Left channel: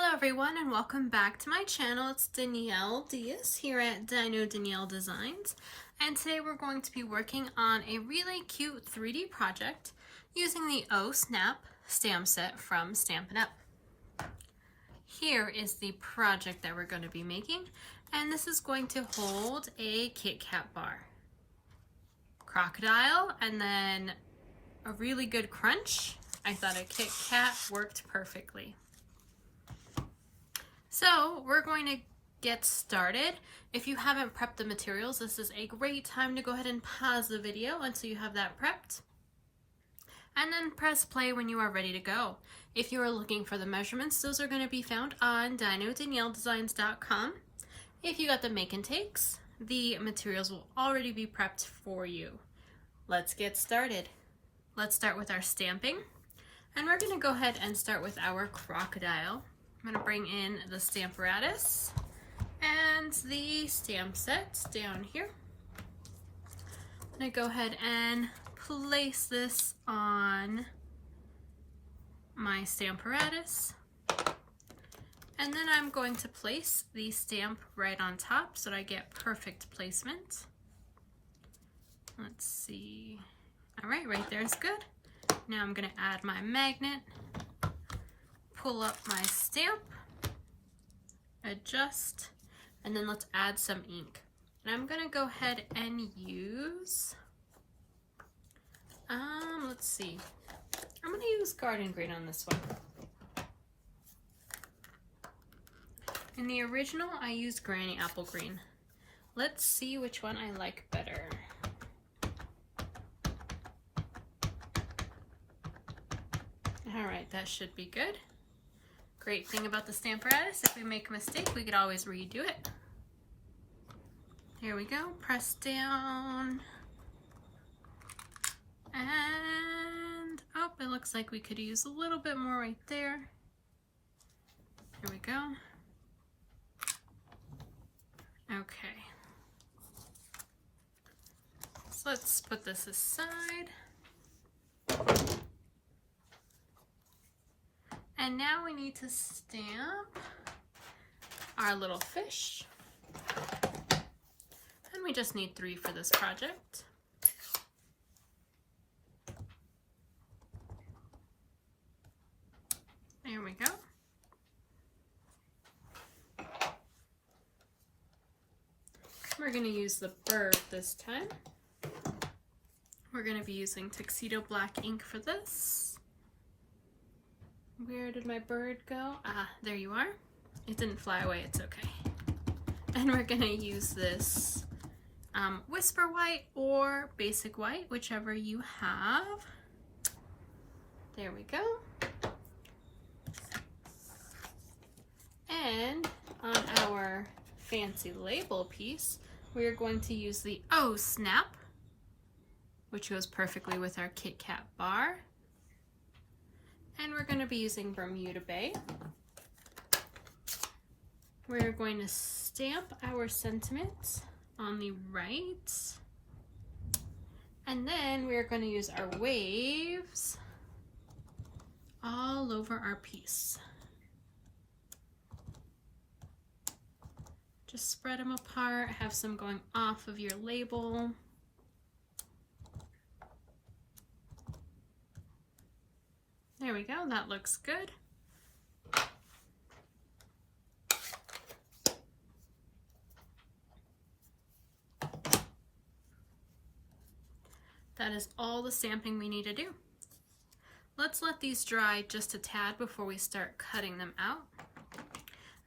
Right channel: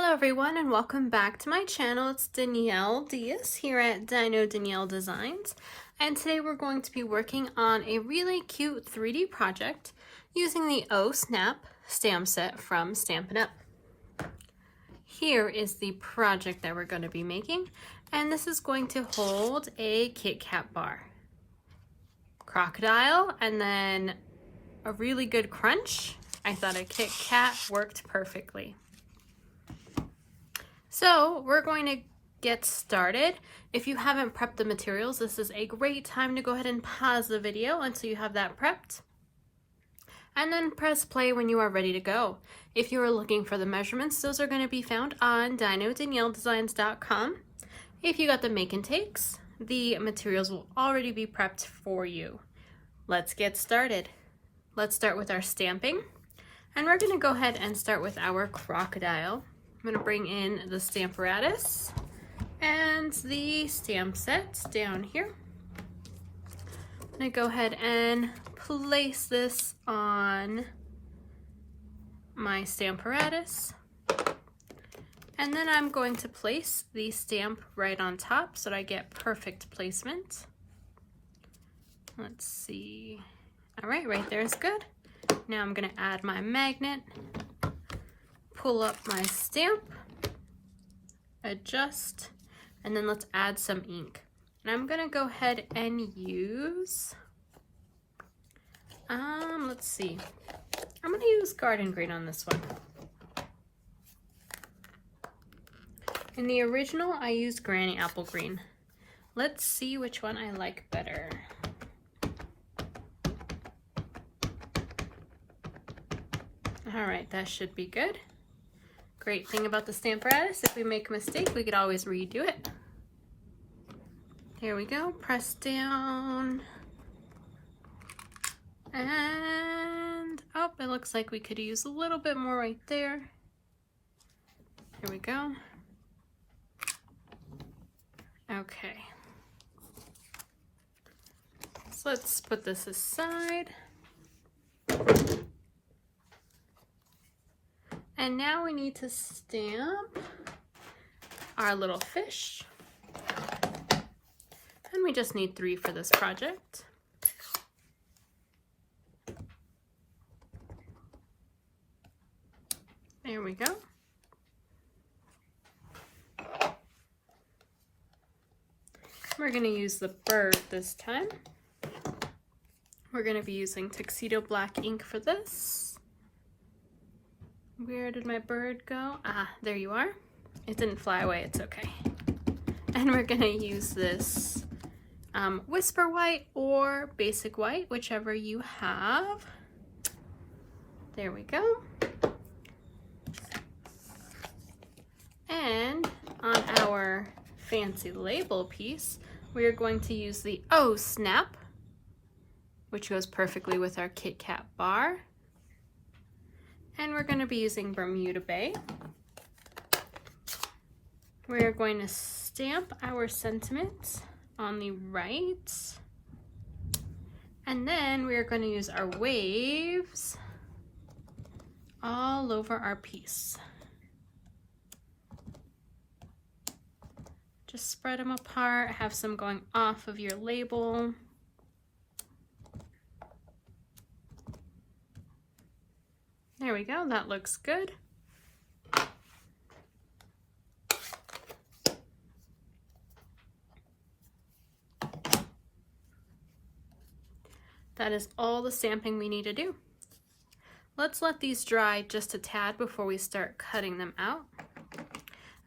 Hello everyone and welcome back to my channel. It's Danielle Diaz here at Dino Danielle Designs, and today we're going to be working on a really cute 3D project using the Oh Snap stamp set from Stampin' Up. Here is the project that we're going to be making, and this is going to hold a Kit Kat bar, crocodile, and then a really good crunch. I thought a Kit Kat worked perfectly. So we're going to get started. If you haven't prepped the materials, this is a great time to go ahead and pause the video until you have that prepped. And then press play when you are ready to go. If you are looking for the measurements, those are going to be found on dinodanielledesigns.com. If you got the make and takes, the materials will already be prepped for you. Let's get started. Let's start with our stamping. And we're going to go ahead and start with our crocodile. I'm going to bring in the Stamparatus and the stamp set down here. I'm going to go ahead and place this on my Stamparatus. And then I'm going to place the stamp right on top so that I get perfect placement. Let's see. All right there is good. Now I'm going to add my magnet. Pull up my stamp, adjust, and then let's add some ink. And I'm gonna go ahead and use, let's see, I'm gonna use garden green on this one. In the original, I used granny apple green. Let's see which one I like better. All right, that should be good. Great thing about the Stamparatus, if we make a mistake, we could always redo it. There we go, press down. And, oh, it looks like we could use a little bit more right there. Here we go. Okay. So let's put this aside. And now we need to stamp our little fish. And we just need 3 for this project. There we go. We're going to use the bird this time. We're going to be using Tuxedo Black ink for this. Where did my bird go? Ah, there you are. It didn't fly away, it's okay. And we're gonna use this Whisper White or Basic White, whichever you have. There we go. And on our fancy label piece, we are going to use the Oh Snap, which goes perfectly with our Kit Kat bar. And we're going to be using Bermuda Bay. We're going to stamp our sentiment on the right. And then we're going to use our waves all over our piece. Just spread them apart, have some going off of your label. There we go, that looks good. That is all the stamping we need to do. Let's let these dry just a tad before we start cutting them out.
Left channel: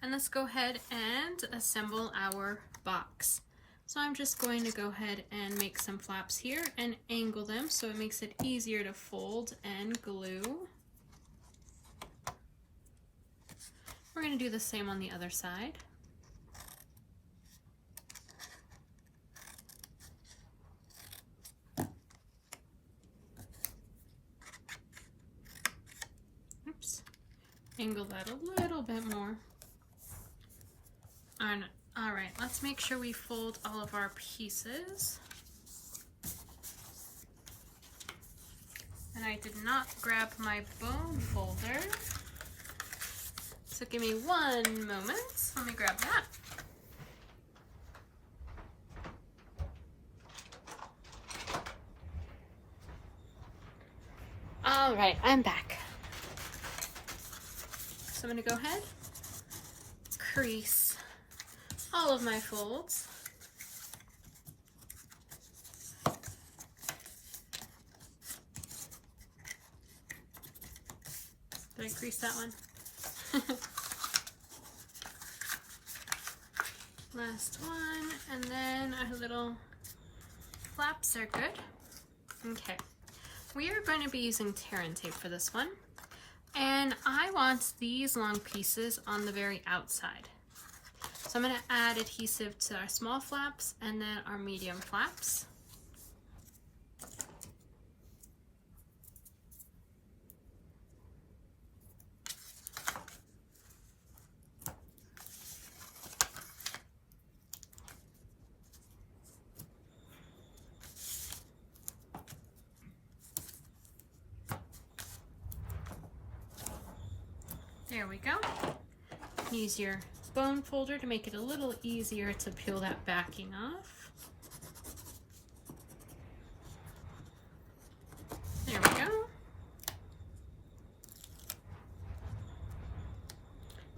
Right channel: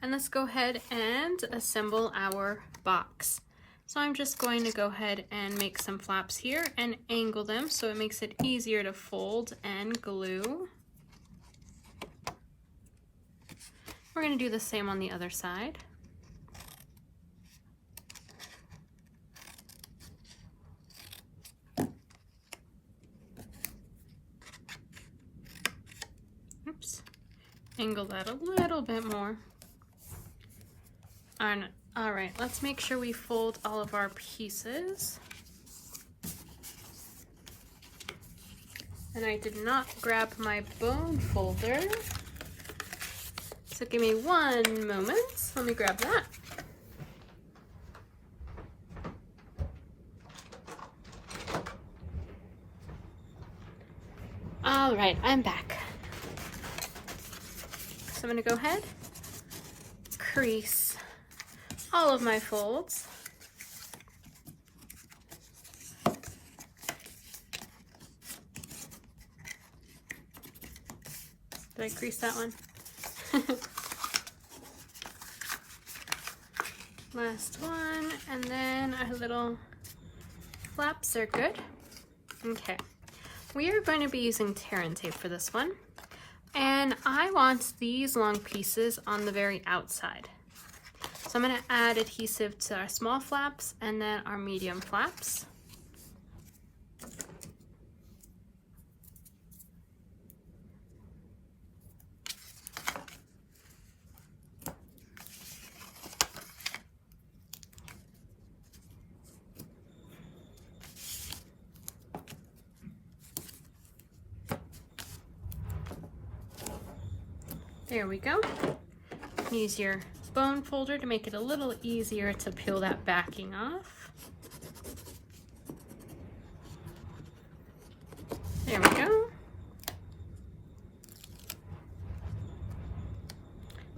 And let's go ahead and assemble our box. So I'm just going to go ahead and make some flaps here and angle them so it makes it easier to fold and glue. We're going to do the same on the other side. Oops. Angle that a little bit more. All right, let's make sure we fold all of our pieces. And I did not grab my bone folder. So give me one moment. Let me grab that. All right, I'm back. So I'm gonna go ahead, crease all of my folds. Did I crease that one? Last one, and then our little flaps are good. Okay, we are going to be using tear and tape for this one, and I want these long pieces on the very outside. So I'm going to add adhesive to our small flaps and then our medium flaps. There we go. Use your bone folder to make it a little easier to peel that backing off. There we go.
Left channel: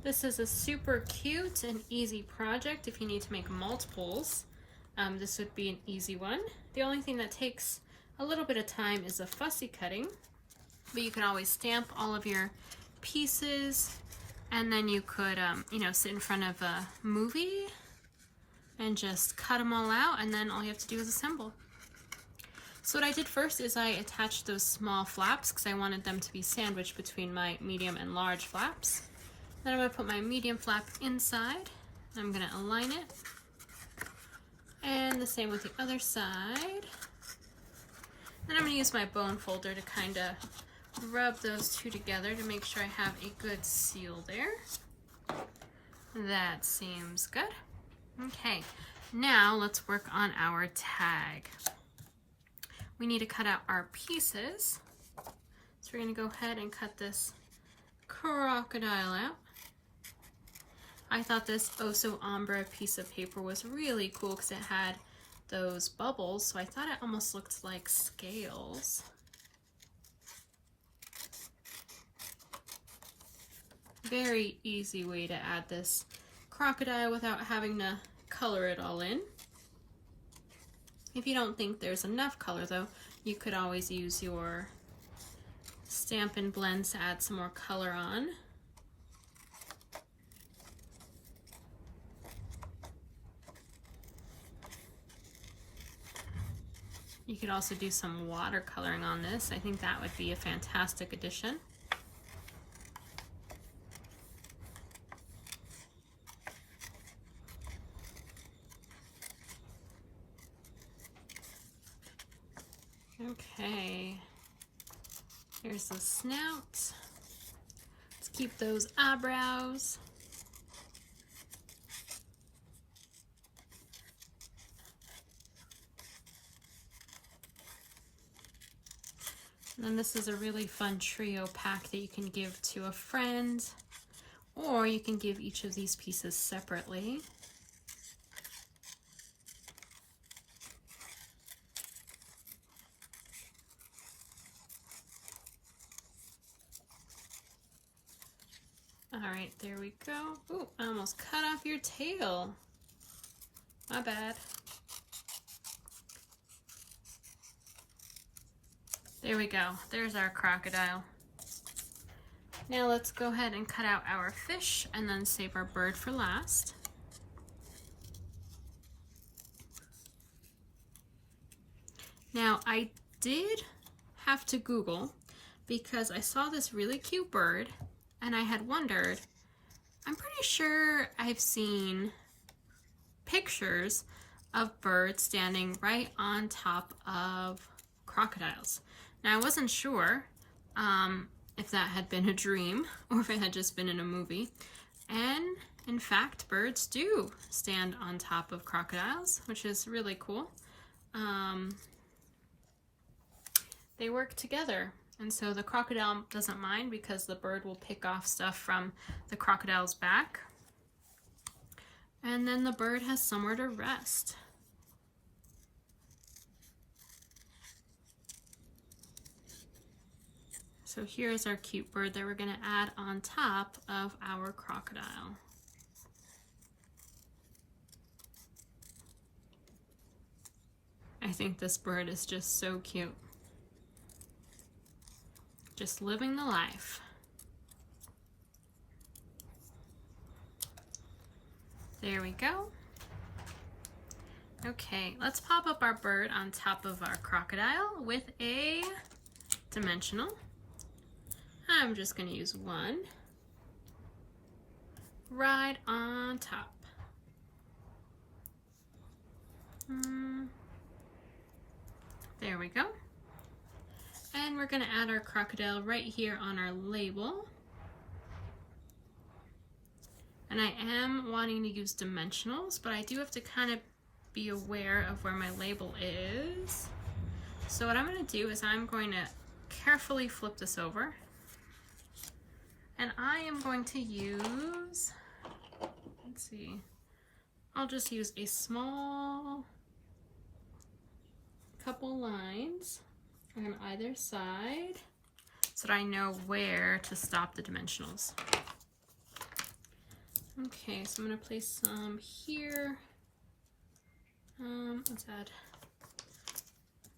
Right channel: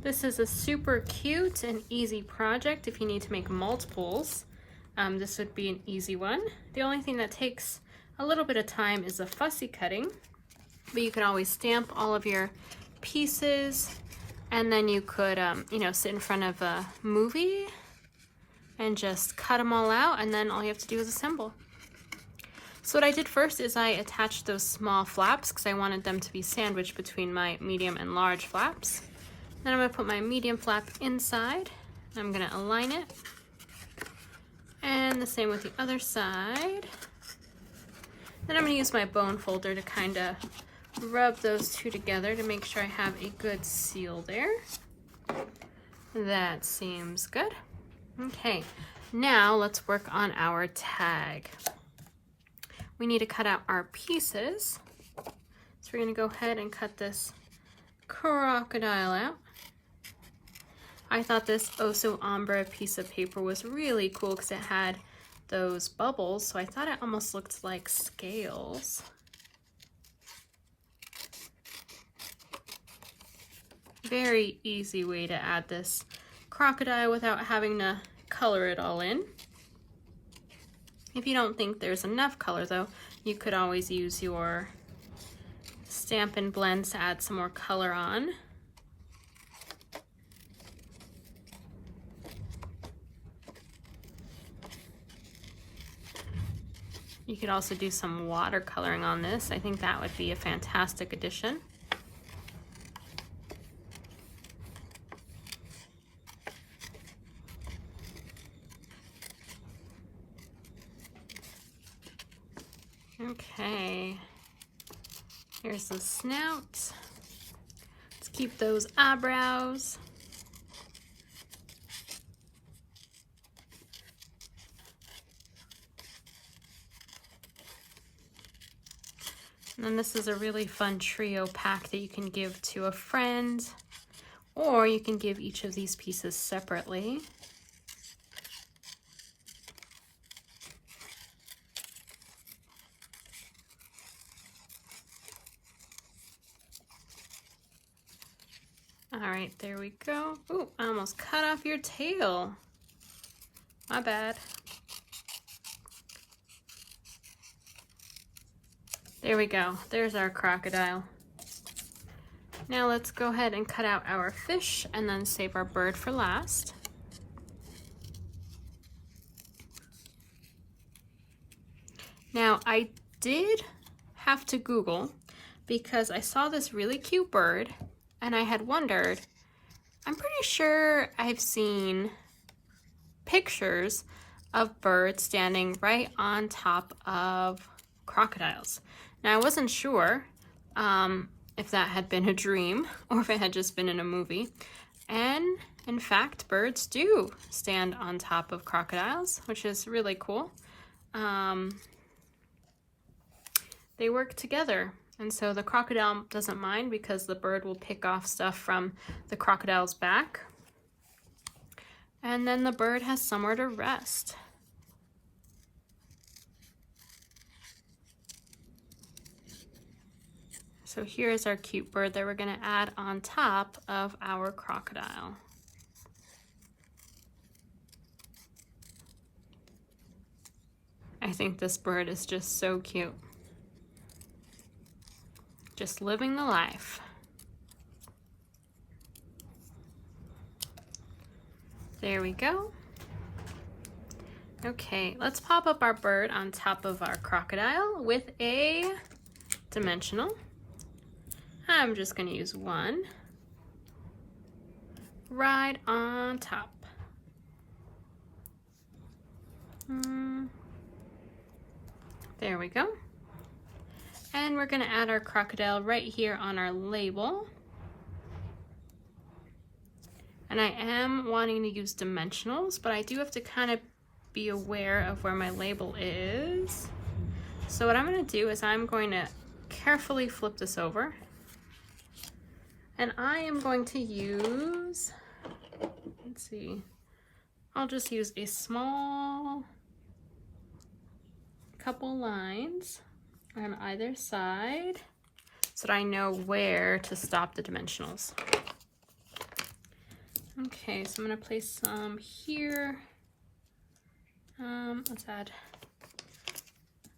This is a super cute and easy project if you need to make multiples. This would be an easy one. The only thing that takes a little bit of time is the fussy cutting, but you can always stamp all of your pieces, and then you could you know, sit in front of a movie and just cut them all out, and then all you have to do is assemble. So what I did first is I attached those small flaps because I wanted them to be sandwiched between my medium and large flaps. Then I'm going to put my medium flap inside. I'm going to align it, and the same with the other side. Then I'm going to use my bone folder to kind of rub those two together to make sure I have a good seal there. That seems good. Okay, now let's work on our tag. We need to cut out our pieces. So we're going to go ahead and cut this crocodile out. I thought this Oso Ombre piece of paper was really cool because it had those bubbles, so I thought it almost looked like scales. Very easy way to add this crocodile without having to color it all in. If you don't think there's enough color though, you could always use your Stampin' blends to add some more color on. You could also do some watercoloring on this. I think that would be a fantastic addition. Okay, here's the snout. Let's keep those eyebrows. And then this is a really fun trio pack that you can give to a friend, or you can give each of these pieces separately. All right, there we go. Ooh, I almost cut off your tail. My bad. There we go. There's our crocodile. Now let's go ahead and cut out our fish and then save our bird for last. Now I did have to Google because I saw this really cute bird and I had wondered, I'm pretty sure I've seen pictures of birds standing right on top of crocodiles. Now I wasn't sure if that had been a dream or if it had just been in a movie. And in fact, birds do stand on top of crocodiles, which is really cool. They work together And so the crocodile doesn't mind because the bird will pick off stuff from the crocodile's back. And then the bird has somewhere to rest. So here's our cute bird that we're going to add on top of our crocodile. I think this bird is just so cute. Just living the life. There we go. Okay, let's pop up our bird on top of our crocodile with a dimensional. I'm just going to use one right on top. There we go. And we're going to add our crocodile right here on our label. And I am wanting to use dimensionals, but I do have to kind of be aware of where my label is. So what I'm going to do is I'm going to carefully flip this over. And I am going to use, let's see, I'll just use a small couple lines on either side so that I know where to stop the dimensionals. Okay, so I'm going to place some here. Let's add,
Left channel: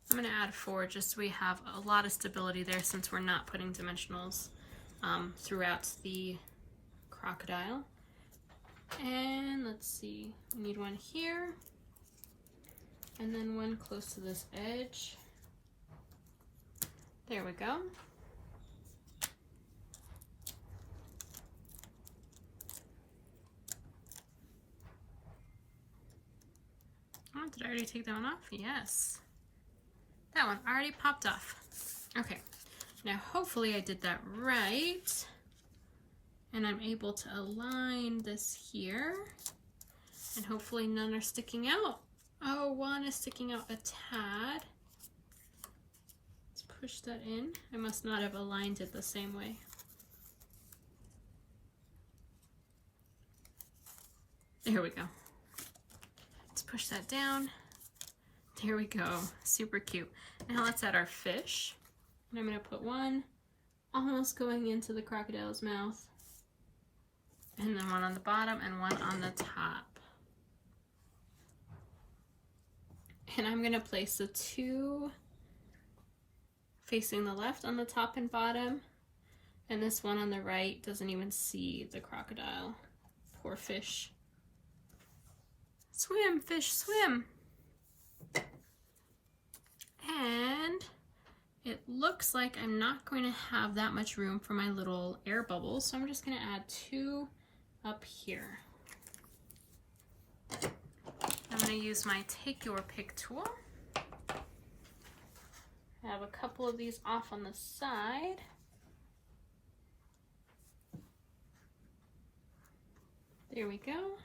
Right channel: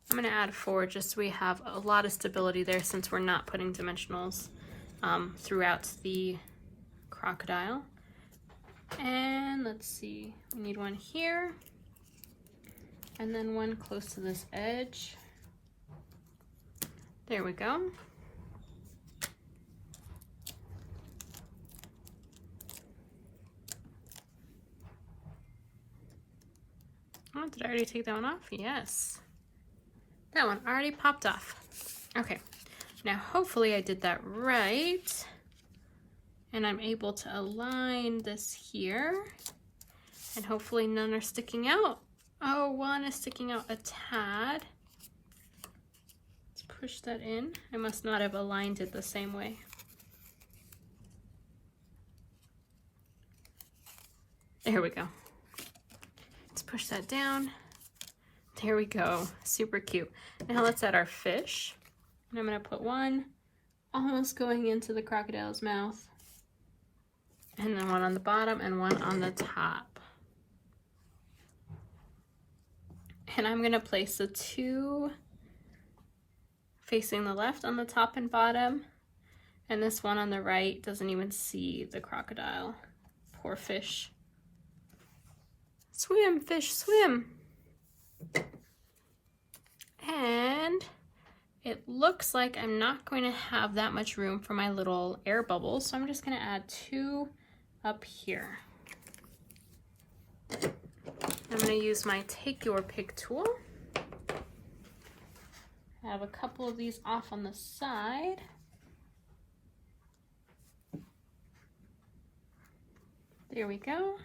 I'm going to add 4 just so we have a lot of stability there since we're not putting dimensionals throughout the crocodile. And let's see, we need one here and then one close to this edge. There we go. Oh, did I already take that one off? Yes. That one already popped off. Okay. Now, hopefully I did that right, and I'm able to align this here, and hopefully none are sticking out. Oh, one is sticking out a tad. Let's push that in. I must not have aligned it the same way. There we go. Let's push that down. There we go. Super cute. Now let's add our fish. And I'm going to put one almost going into the crocodile's mouth, and then one on the bottom and one on the top. And I'm going to place the 2 facing the left on the top and bottom, and this one on the right doesn't even see the crocodile. Poor fish. Swim, fish, swim. And it looks like I'm not going to have that much room for my little air bubbles, so I'm just going to add 2 up here. I'm going to use my Take Your Pick tool. I have a couple of these off on the side. There we go.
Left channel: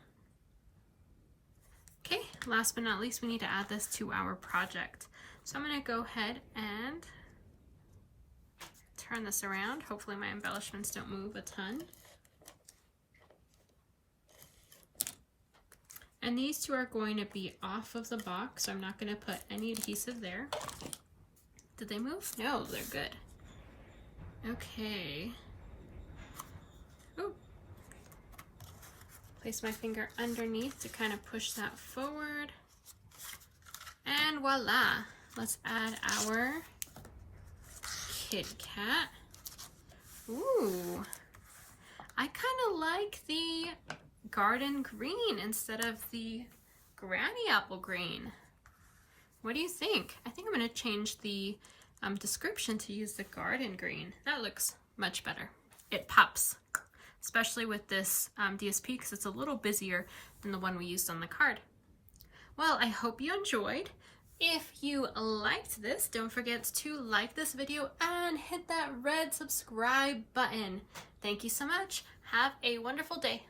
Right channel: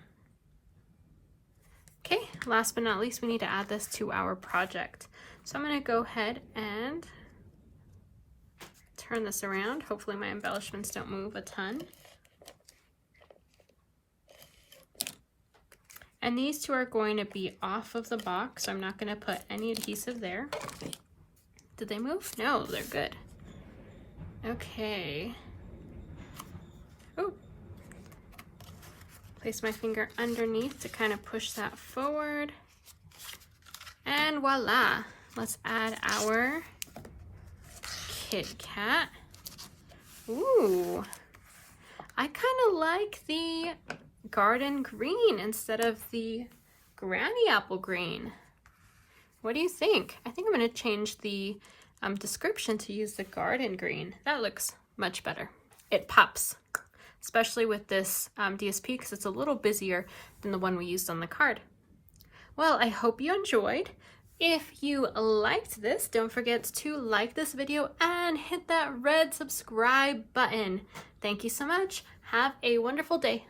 Okay, last but not least, we need to add this to our project. So I'm going to go ahead and turn this around. Hopefully my embellishments don't move a ton. And these 2 are going to be off of the box, so I'm not going to put any adhesive there. Did they move? No, they're good. Okay. Oh. Place my finger underneath to kind of push that forward. And voila! Let's add our Kit Kat. Ooh, I kind of like the garden green instead of the granny apple green. What do you think? I think I'm going to change the description to use the garden green. That looks much better. It pops, especially with this DSP because it's a little busier than the one we used on the card. Well, I hope you enjoyed. If you liked this, don't forget to like this video and hit that red subscribe button. Thank you so much. Have a wonderful day.